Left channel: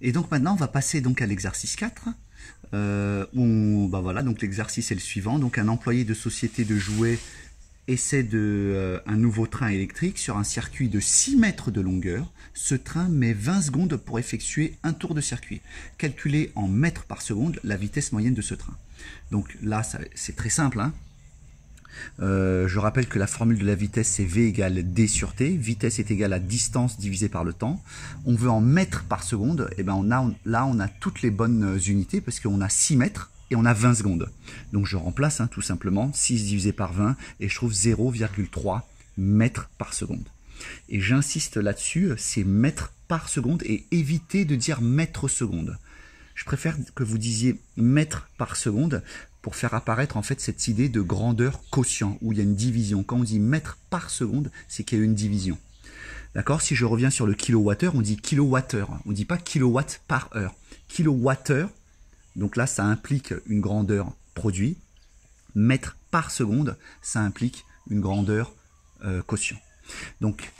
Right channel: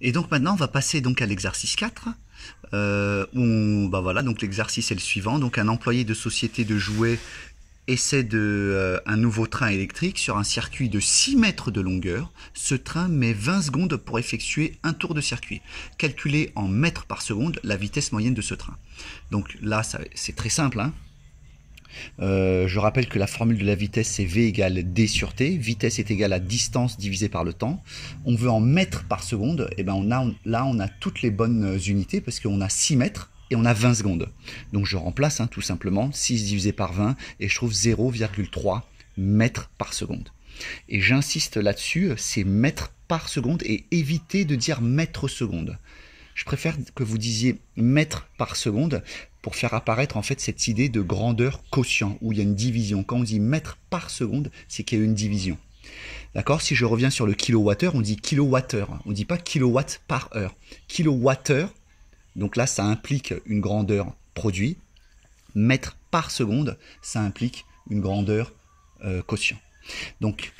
Et donc maintenant, on va passer donc à l'exercice 4. Voilà, donc l'exercice est le suivant. Donc un employé de société de jouets essaie un nouveau train électrique sur un circuit de 6 mètres de longueur. Ce train met 20 secondes pour effectuer un tour de circuit. Calculez en mètres par seconde la vitesse moyenne de ce train. Donc là, c'est très simple, hein. Je rappelle que la formule de la vitesse c'est V égale D sur T. Vitesse est égale à distance divisée par le temps. On veut en mètres par seconde. Et ben on a toutes les bonnes unités parce qu'on a 6 mètres et on a 20 secondes. Donc je remplace tout simplement 6 divisé par 20 et je trouve 0,3 mètres par seconde. Et j'insiste là-dessus, c'est mètres par seconde et évitez de dire mètres seconde. Je préfère que vous disiez mètres par seconde pour faire apparaître en fait cette idée de grandeur quotient où il y a une division. Quand on dit mètres par seconde, c'est qu'il y a une division. D'accord? Si je reviens sur le kilowattheure, on dit kilowattheure. On ne dit pas kilowatt par heure. Kilowattheure, donc là ça implique une grandeur produit. Mètres par seconde, ça implique une grandeur quotient. Donc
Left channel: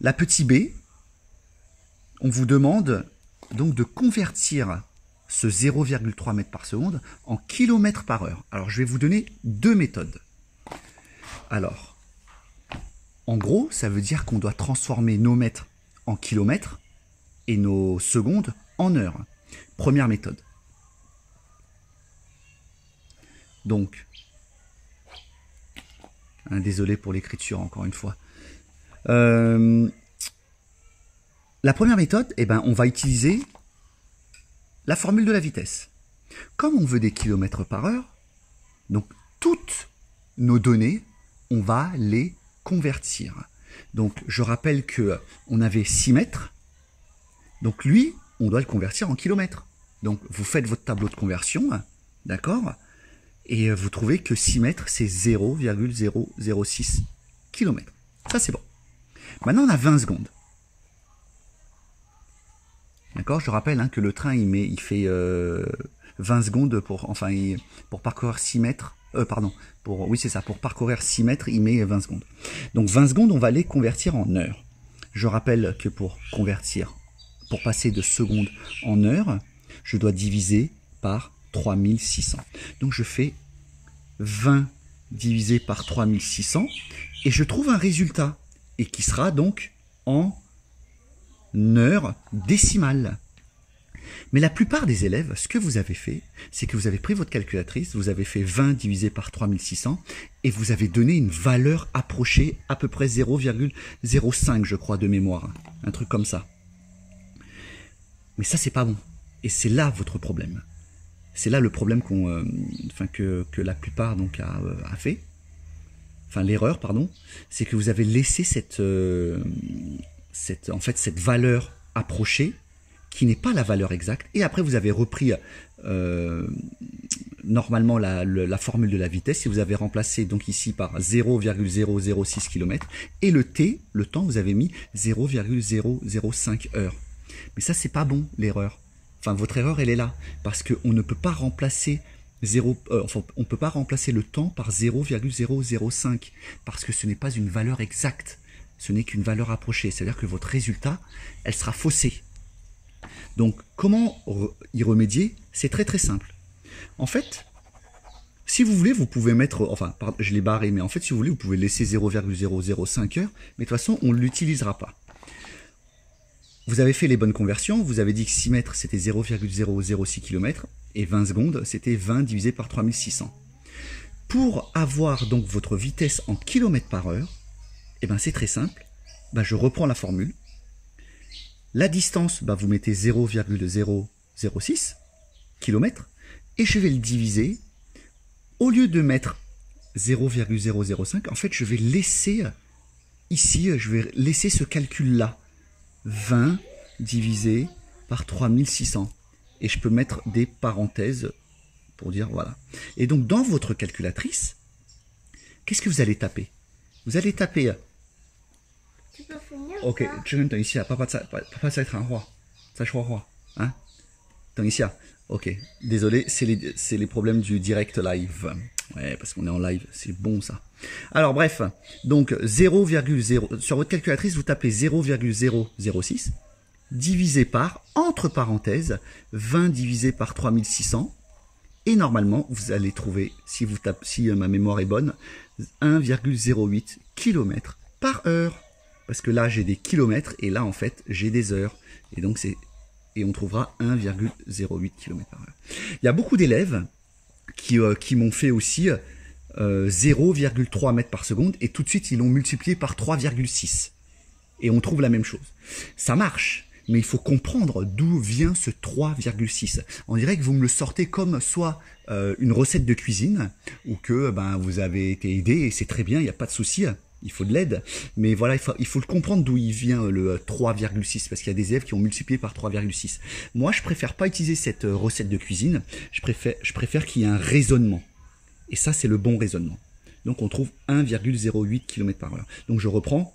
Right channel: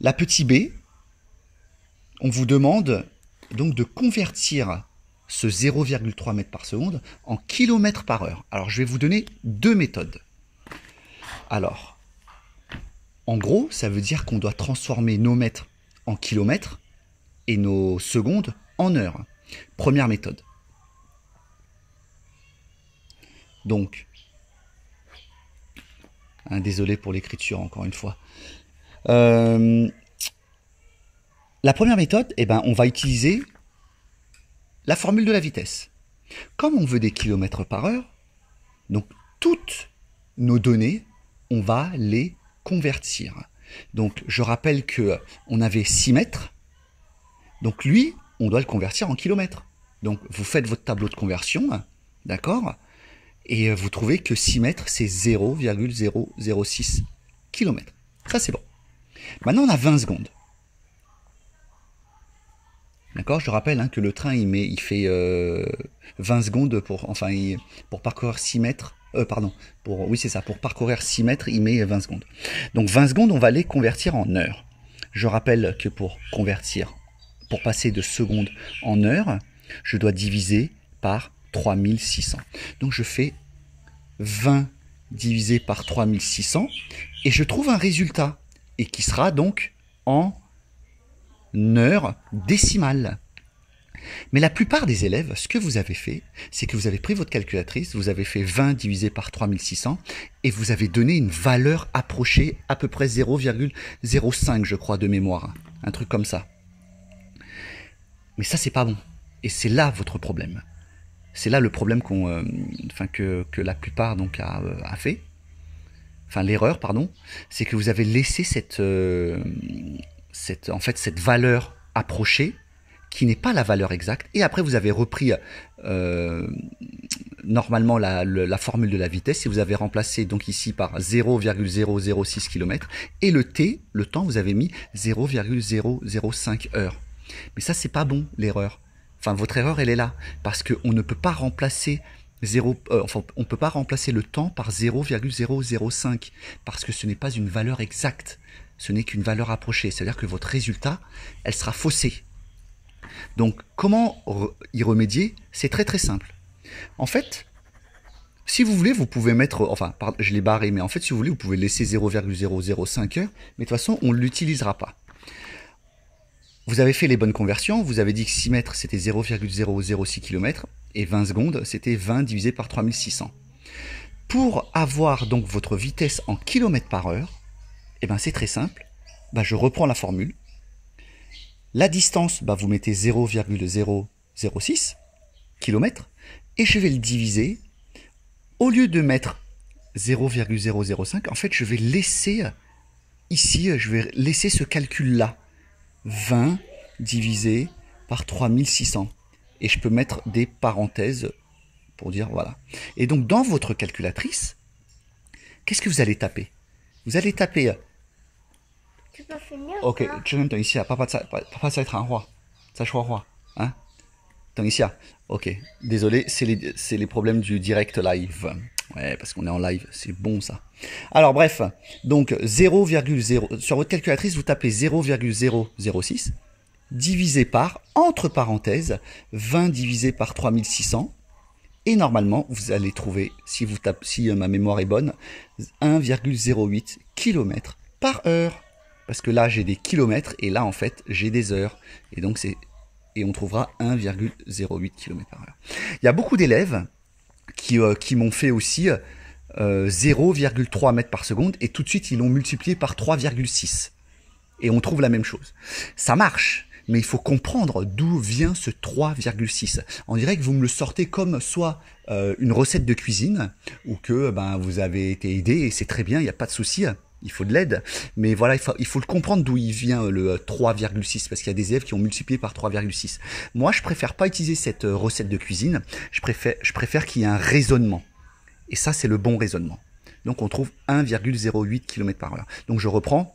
la petite b, on vous demande donc de convertir ce 0,3 mètres par seconde en kilomètres par heure. Alors, je vais vous donner deux méthodes. Alors, en gros, ça veut dire qu'on doit transformer nos mètres en kilomètres et nos secondes en heures. Première méthode. Donc, désolé pour l'écriture, encore une fois. La première méthode, on va utiliser la formule de la vitesse. Comme on veut des kilomètres par heure, donc toutes nos données, on va les convertir. Donc je rappelle que on avait 6 mètres, donc lui, on doit le convertir en kilomètres. Donc vous faites votre tableau de conversion, d'accord? Et vous trouvez que 6 mètres, c'est 0,006 km. Ça c'est bon. Maintenant on a 20 secondes. D'accord, je rappelle que le train il fait 20 secondes pour parcourir 6 mètres. Pour parcourir 6 mètres, il met 20 secondes. Donc 20 secondes, on va les convertir en heures. Je rappelle que pour passer de secondes en heures, je dois diviser par 3600. Donc je fais 20 divisé par 3600 et je trouve un résultat et qui sera donc en heure décimale. Mais la plupart des élèves, ce que vous avez fait, c'est que vous avez pris votre calculatrice, vous avez fait 20 divisé par 3600 et vous avez donné une valeur approchée à peu près 0,05 je crois de mémoire, un truc comme ça. Mais ça c'est pas bon et c'est là votre problème. C'est là le problème que la plupart donc a fait. Enfin l'erreur pardon, c'est que vous avez laissé cette valeur approchée qui n'est pas la valeur exacte et après vous avez repris normalement la formule de la vitesse et vous avez remplacé donc ici par 0,006 km et le temps vous avez mis 0,005 heures. Mais ça c'est pas bon l'erreur. Enfin votre erreur elle est là parce qu'on ne peut pas remplacer on peut pas remplacer le temps par 0,005 parce que ce n'est pas une valeur exacte. Ce n'est qu'une valeur approchée, c'est-à-dire que votre résultat, elle sera faussée. Donc, comment y remédier? C'est très très simple. En fait, si vous voulez, vous pouvez mettre, je l'ai barré, mais en fait, si vous voulez, vous pouvez laisser 0,005 heures, mais de toute façon, on ne l'utilisera pas. Vous avez fait les bonnes conversions, vous avez dit que 6 mètres, c'était 0,006 km, et 20 secondes, c'était 20 divisé par 3600. Pour avoir donc votre vitesse en kilomètres par heure, c'est très simple, je reprends la formule. La distance, vous mettez 0,006 km et je vais le diviser. Au lieu de mettre 0,005, en fait, je vais laisser ici, ce calcul-là. 20 divisé par 3600. Et je peux mettre des parenthèses pour dire voilà. Et donc, dans votre calculatrice, qu'est-ce que vous allez taper? Vous allez taper... OK， 这个等一下，爸爸在谈话，在说话，hein？等一下 OK， désolé, c'est les problèmes du direct live. Ouais, parce qu'on est en live, c'est bon ça. Alors bref, donc 0,0, sur votre calculatrice, vous tapez 0,006 divisé par, entre parenthèses, 20 divisé par 3600. Et normalement, vous allez trouver, si ma mémoire est bonne, 1,08 km par heure. Parce que là, j'ai des kilomètres et là, en fait, j'ai des heures. Et donc, on trouvera 1,08 km par heure. Il y a beaucoup d'élèves qui m'ont fait aussi 0,3 mètres par seconde et tout de suite, ils l'ont multiplié par 3,6. Et on trouve la même chose. Ça marche, mais il faut comprendre d'où vient ce 3,6. On dirait que vous me le sortez comme soit une recette de cuisine ou que vous avez été aidé et c'est très bien, il n'y a pas de souci. Il faut de l'aide, mais voilà, il faut le comprendre d'où il vient le 3,6 parce qu'il y a des élèves qui ont multiplié par 3,6. Moi, je préfère pas utiliser cette recette de cuisine. Je préfère qu'il y ait un raisonnement. Et ça, c'est le bon raisonnement. Donc, on trouve 1,08 km par heure. Donc, je reprends.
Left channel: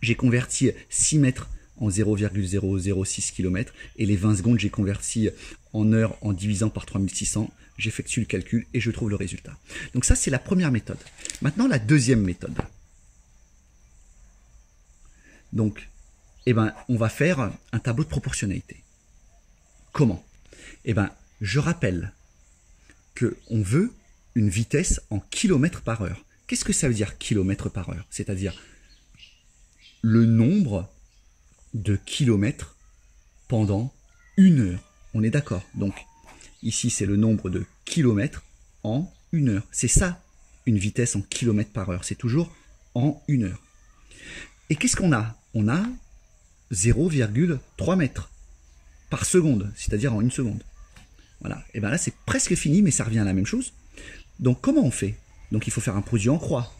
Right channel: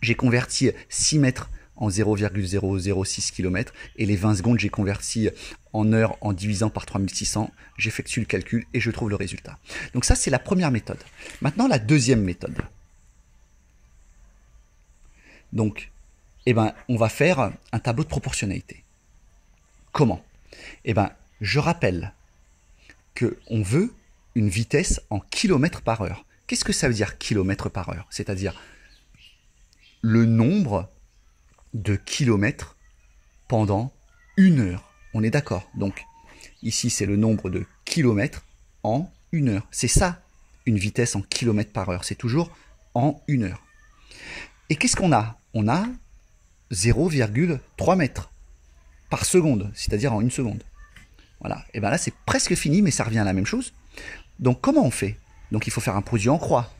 J'ai converti 6 mètres en 0,006 km et les 20 secondes, j'ai converti en heures en divisant par 3600. J'effectue le calcul et je trouve le résultat. Donc, ça, c'est la première méthode. Maintenant, la deuxième méthode. Donc, on va faire un tableau de proportionnalité. Comment? Je rappelle qu'on veut une vitesse en kilomètres par heure. Qu'est-ce que ça veut dire kilomètres par heure? C'est-à-dire le nombre de kilomètres pendant une heure. On est d'accord? Donc, ici, c'est le nombre de kilomètres en une heure. C'est ça, une vitesse en kilomètres par heure. C'est toujours en une heure. Et qu'est-ce qu'on a? On a 0,3 mètres par seconde, c'est-à-dire en une seconde. Voilà. Et bien là, c'est presque fini, mais ça revient à la même chose. Donc, comment on fait? Donc, il faut faire un produit en croix.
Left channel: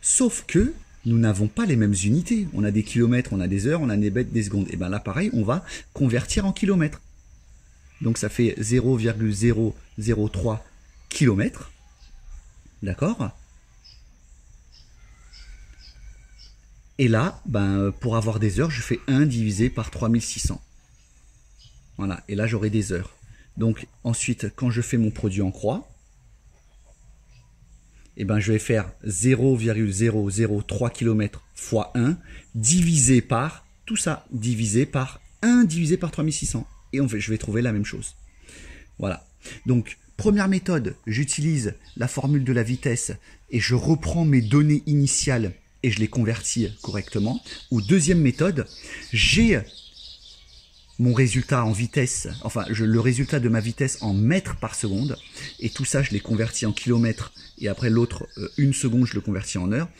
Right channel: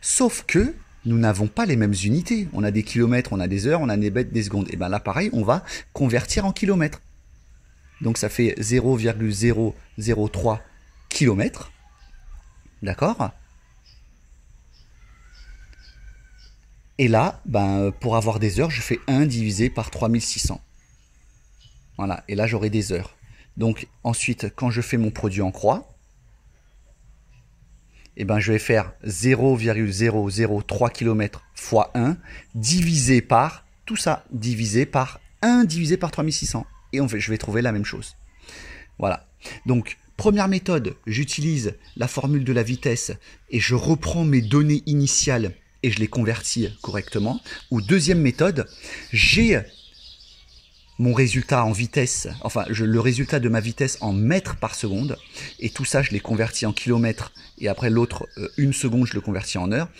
Sauf que nous n'avons pas les mêmes unités. On a des kilomètres, on a des heures, on a des mètres, des secondes. Et bien là, pareil, on va convertir en kilomètres. Donc, ça fait 0,003 kilomètres. D'accord? Et là, pour avoir des heures, je fais 1 divisé par 3600. Voilà, et là, j'aurai des heures. Donc, ensuite, quand je fais mon produit en croix, je vais faire 0,003 km fois 1 divisé par, tout ça, divisé par 1 divisé par 3600. Et je vais trouver la même chose. Voilà. Donc, première méthode, j'utilise la formule de la vitesse et je reprends mes données initiales et je les convertis correctement. Ou deuxième méthode, j'ai mon résultat en vitesse, le résultat de ma vitesse en mètres par seconde, et tout ça, je l'ai converti en kilomètres, et après l'autre, une seconde, je le convertis en heure,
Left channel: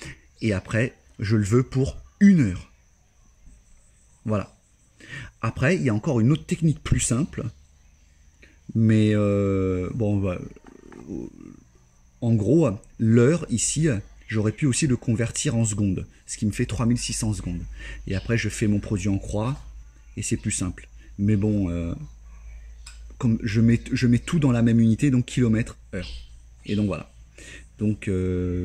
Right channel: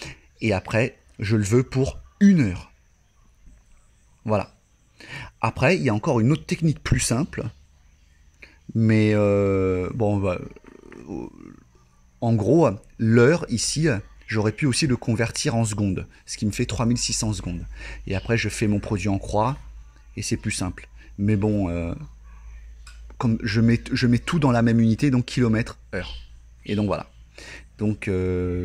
et après, je le veux pour une heure. Voilà. Après, il y a encore une autre technique plus simple, mais en gros, l'heure ici, j'aurais pu aussi le convertir en secondes, ce qui me fait 3600 secondes. Et après, je fais mon produit en croix, et c'est plus simple. Mais bon, comme je mets tout dans la même unité, donc kilomètre, heure. Et donc voilà. Donc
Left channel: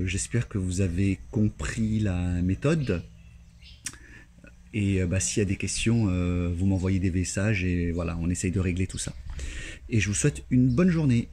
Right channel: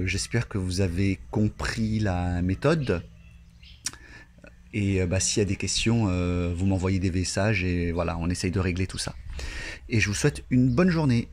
j'espère que vous avez compris la méthode. Et s'il y a des questions, vous m'envoyez des messages et voilà, on essaye de régler tout ça. Et je vous souhaite une bonne journée.